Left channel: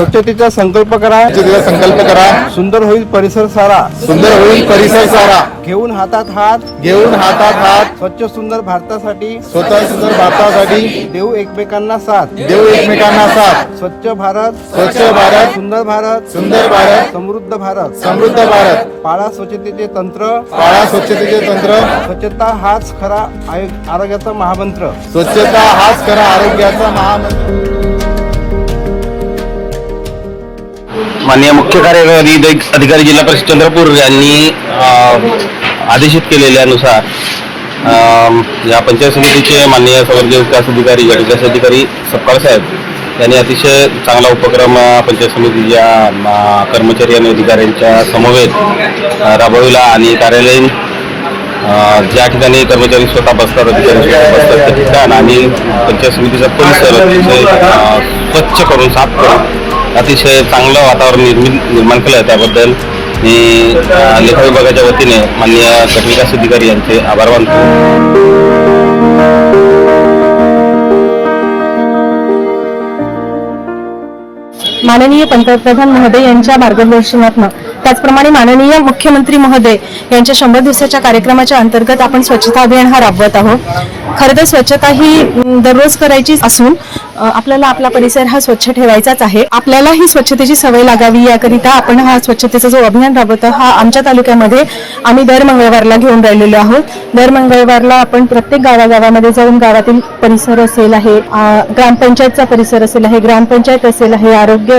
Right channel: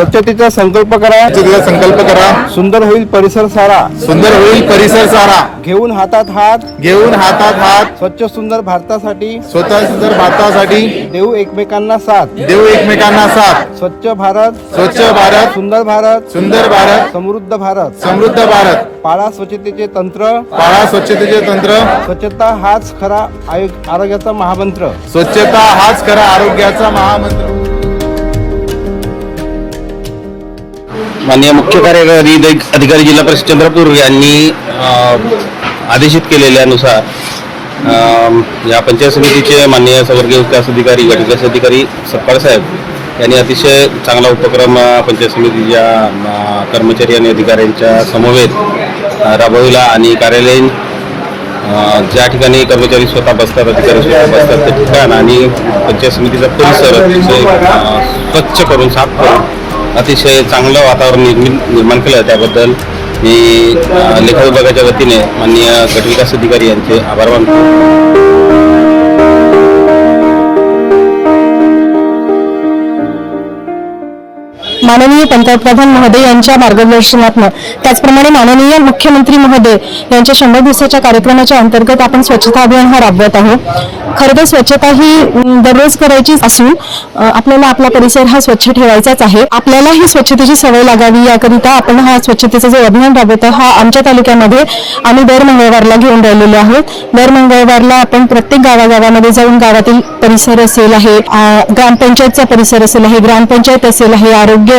स्वच्छतेचा संकल्प करा, स्वच्छतेचा संकल्प करा, सुंदर होईल परिसर सारा, सुंदर होईल परिसर सारा, घेऊन हातात हात, घेऊन हातात हात, स्वच्छ सुंदर भारतासाठी, स्वतः सुंदर भारतासाठी देऊ एकमेकांना साथ, देऊ एकमेकांना साथ, स्वच्छ भारत, स्वच्छ भारत, सुंदर भारत, सुंदर भारत, समृद्ध भारत, समृद्ध भारत, पाळा स्वच्छतेचे तंत्र, पाळा स्वच्छतेचे तंत्र, स्वच्छता हाच खरा आरोग्याचा महामंत्र, स्वच्छता हाच खरा आरोग्याचा महामंत्र. माननीय मुख्य कार्यकारी अधिकारी जिल्हा परिषद चंद्रपूर यांनी आदेशित केलेल्यानुसार या पंचायत समितीचे माननीय संवर्गीय विकास अधिकारी गट विकास अधिकारी सपकाळ साहेब यांनी अतिशय चांगला उपक्रम पंचायत समितीच्या कर्मचारी आणि अधिकाऱ्यांच्या समवेत राबविला आणि कार्यालयीन ज्या ठिकाणी कर्मचारी स्वतः बसतात, अधिकारी स्वतः बसतात त्या ठिकाण आणि पंचायत समितीचा परिसर अतिशय स्वच्छ करून साफ करून अतिशय चांगलं वातावरण निर्माण केलं. त्याबद्दल मी लेखा विभागाच्या वतीने माननीय गट विकास अधिकारी यांचे आभार मानतो. माननीय पंतप्रधान महोदय यांच्या मार्गदर्शनातून त्याचप्रमाणे माननीय मुख्यमंत्री महोदय यांच्या 100 दिवसाच्या कार्यक्रमाच्या अंतर्गत आपण स्वच्छता अभियान हा राबवत आहोत. खरं तर स्वच्छता ही दररोज करायची असून आपल्याला आपला परिसर हा स्वच्छ ठेवायचाच आहे. आपल्याला ही स्वच्छतेची सवय लागावी याकरिता आपण हा स्वच्छतेचा जो अभियान राबवतो हा आमच्या तालुक्यामध्ये आम्ही दर मंगळवारला घेऊन राहिलेलो आहोत. दर मंगळवारला आपण प्रत्येक गावागावामध्ये जाऊन गावातील परिसर असेल आहे, ग्रामपंचायतचा परिसर असेल आहे, ग्रामपंचायत असेल आहे, आरोग्य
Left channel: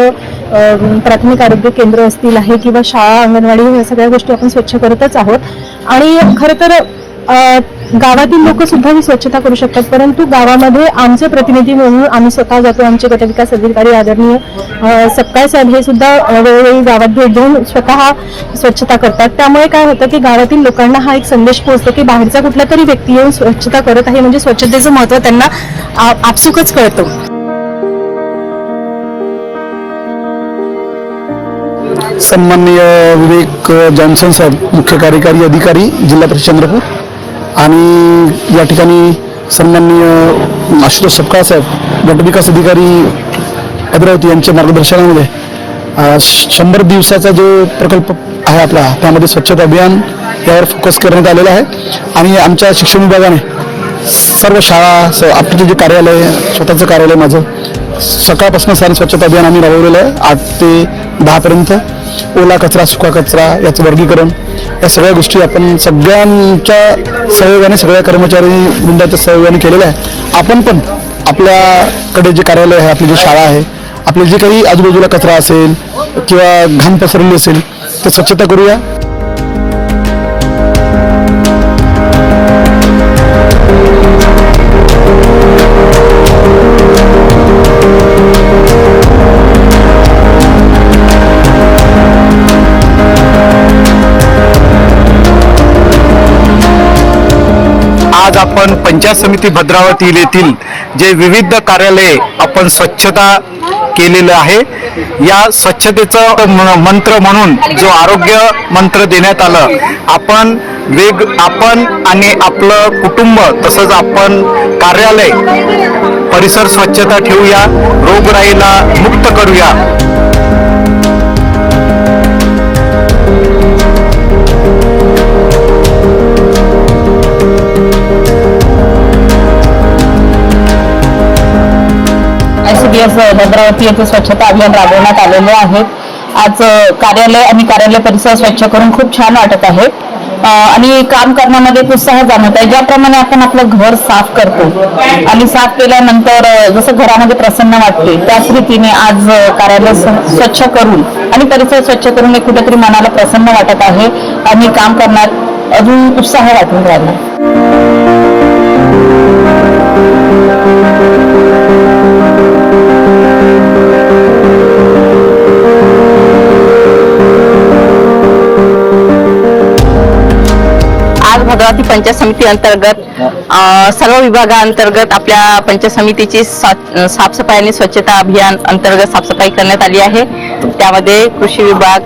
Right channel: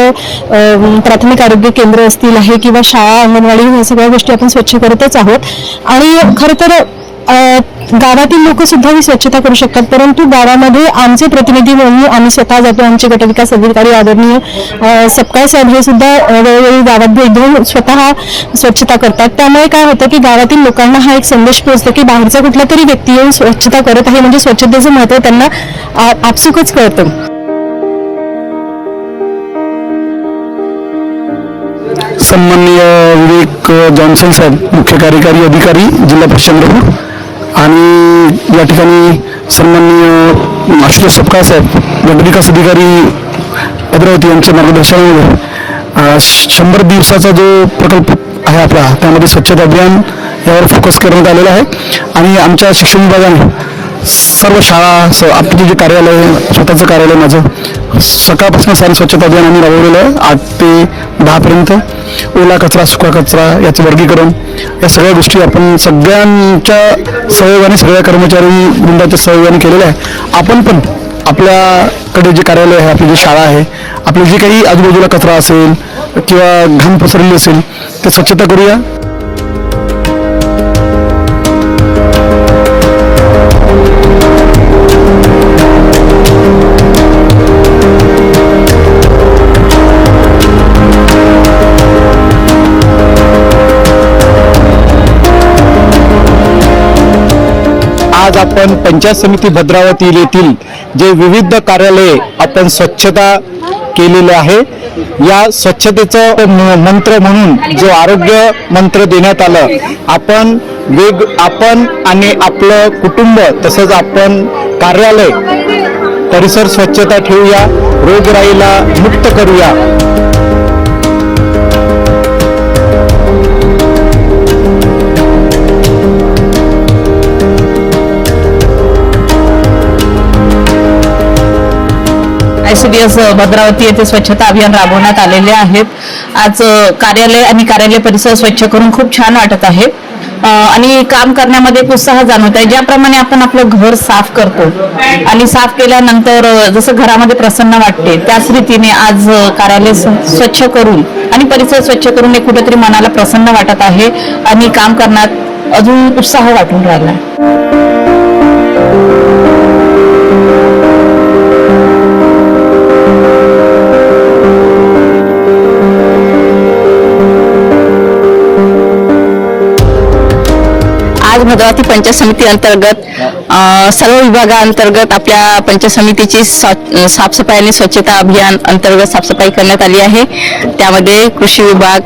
प्राथमिक आरोग्य केंद्र असतील आहे किंवा शाळा अंगणवाडी या सगळ्या गोष्टी आपण स्वच्छ करतच आहोत. आणि खरं तर गावातील लोक सुद्धा ही स्वच्छता करू शकतात, परंतु गावामध्ये आमचे प्रतिनिधी म्हणून आम्ही स्वतः जातो. आमचे गट विकास अधिकारी आदरणीय सपकाळ साहेब हे सुद्धा वेळोवेळी गावात भेट देऊन स्वतः स्वच्छता करतात. त्यामुळे काय होतं की गावातील लोकांना हा एक संदेश पोहोचतो की बाहेरचा कुठला तरी व्यक्ती येऊन स्वच्छता करत आहे म्हणजे स्वच्छतेचं महत्त्व त्यांना आपसुकच कळतं. सन्माननीय विवेक जॉन्सन साहेब मुख्य कार्यकारी अधिकारी जिल्हा परिषद चंद्रपूर आणि या ठिकाणी सन्माननीय आशुतोष सपकाळ साहेब गट विकास अधिकारी भद्रावती यांच्या मार्गदर्शनामध्ये 100 दिवसाचा जो प्रकल्प आहे आपला त्यामध्ये स्वच्छता अभियान यावर फोकस करण्यात आलेला आहे. आणि आमच्या शिक्षण विभागाने सर्व शाळा आपलं जे कार्यालय स्वतःचं कार्यालय माझं सकाळपासून सारी स्वच्छता अभियान आम्ही राबवलेलं आहे. 8 ते 10 पर्यंत ओला कचरा सुका कचरा याचं वर्गीकरण या सगळ्या गोष्टी आपण सगळ्यांच्या सहयोगाने सगळ्या कर्मचारी वृंदाच्या सहयोगाने केलेलं आहे. आपण पण आपल्याकडे जे कार्यालय आहे, आपली जी शाळा आहे, आपले जे काही आजूबाजूला कचरा असेल किंवा घाण पसरलेली असेल तर स्वच्छता करूया. आज आपण पंचायत समिती भद्रावती येथील जे विविध कार्यालये आपण स्वच्छता केलेलं आहे, या स्वच्छतेचं मंत्र म्हणून जो आरोग्य मंत्र देण्यात आलं, आपण आणि आपलं कुटुंब तसंच आपण कार्यालय परिसर स्वच्छता ठेवूया, रोगराईला मुक्त करूया. ICDS भद्रावती येथे स्वच्छता अभियान राबवण्यात आलेले आहेत. आज कार्यालय आणि कार्यालय परिसर स्वच्छ करून खूप छान वाटत आहे आणि काम करण्यामध्ये उत्साह जाणवत आहे. ज्याप्रमाणे आपण आपलं घर साफ करतो आणि साफ केल्यानंतर जसं घरामध्ये प्रसन्न वाटते त्याच रीतीने आज कार्यालय स्वच्छ करून आणि परिसर स्वच्छ करून एक कुठेतरी मनाला प्रसन्न वाटत आहे आणि काम करण्यात अजून उत्साह वाटून राहिला. भद्रावती पंचायत समिती अंतर्गत सर्व विभागांतर्गत आपल्या पंचायत समितीची साफसफाई आणि स्वच्छता अभियान अंतर्गत साफसफाई करण्यात आली आहे. त्यामध्ये कृषी विभाग,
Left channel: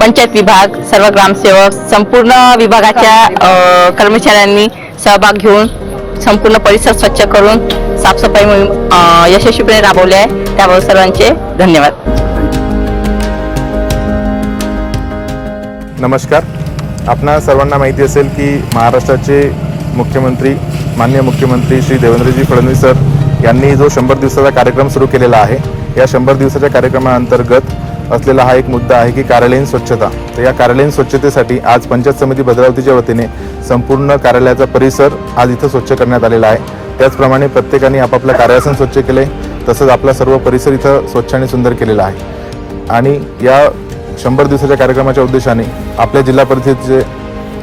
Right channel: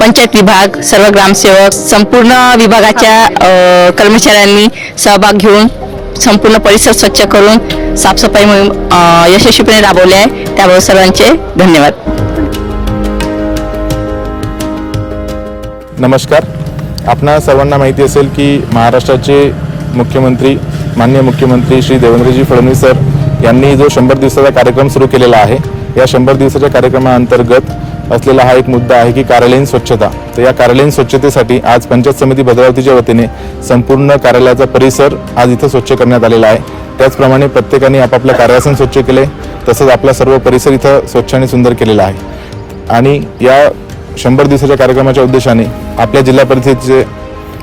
पंचायत विभाग, सर्व ग्रामसेवक, संपूर्ण विभागाच्या कर्मचाऱ्यांनी सहभाग घेऊन संपूर्ण परिसर स्वच्छ करून साफसफाई मोहीम यशस्वीपणे राबवली आहे. त्याबद्दल सर्वांचे धन्यवाद. नमस्कार. आपणा सर्वांना माहिती असेल की महाराष्ट्राचे मुख्यमंत्री माननीय मुख्यमंत्री श्री देवेंद्रजी फडणवीस सर यांनी जो 100 दिवसाचा कार्यक्रम सुरू केलेला आहे, या 100 दिवसाच्या कार्यक्रमाअंतर्गत असलेला हा एक मुद्दा आहे की कार्यालयीन स्वच्छता. तर या कार्यालयीन स्वच्छतेसाठी आज पंचायत समिती भद्रावतीच्या वतीने संपूर्ण कार्यालयाचा परिसर आज इथं स्वच्छ करण्यात आलेला आहे. त्याचप्रमाणे प्रत्येकाने आपापलं कार्यासन स्वच्छ केले, तसंच आपला सर्व परिसर इथं स्वच्छ आणि सुंदर केलेला आहे. आणि या 100 दिवसाच्या कार्यक्रमाच्या उद्देशाने आपल्या जिल्हा परिषदेचे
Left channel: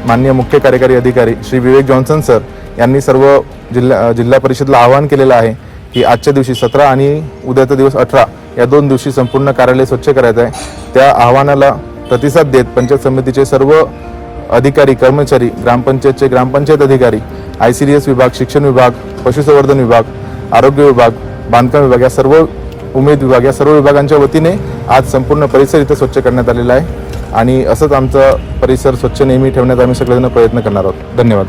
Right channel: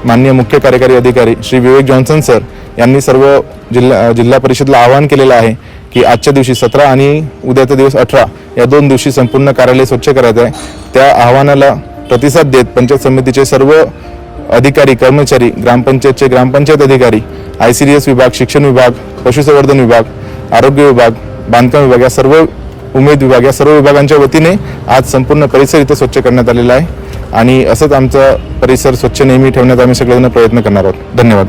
माननीय मुख्य कार्यकारी अधिकारी श्री विवेक जॉन्सन सर यांनी सर्व जिल्हा परिषदला आवाहन केलेलं आहे की आजच्या दिवशी 17 आणि उद्याचा दिवस 18 या 2 दिवशी संपूर्ण कार्यालय स्वच्छ करायचं आहे. त्या आव्हानाला प्रतिसाद देत पंचायत समितीचे सर्व अधिकारी कर्मचारी, ग्रामपंचायतचे ग्रामपंचायत अधिकारी, ICDS विभाग, शिक्षण विभाग, पशुसंवर्धन विभाग, आरोग्य विभाग, बांधकाम विभाग या सर्व उमेद विभाग या सर्व विभागांच्या वतीने आज संपूर्ण परिसर इथं स्वच्छ करण्यात आलेला आहे. आणि असंच आमचा परिसर स्वच्छ नेहमी ठेवण्याचा आम्ही सगळेजण प्रयत्न करणार आहोत. धन्यवाद.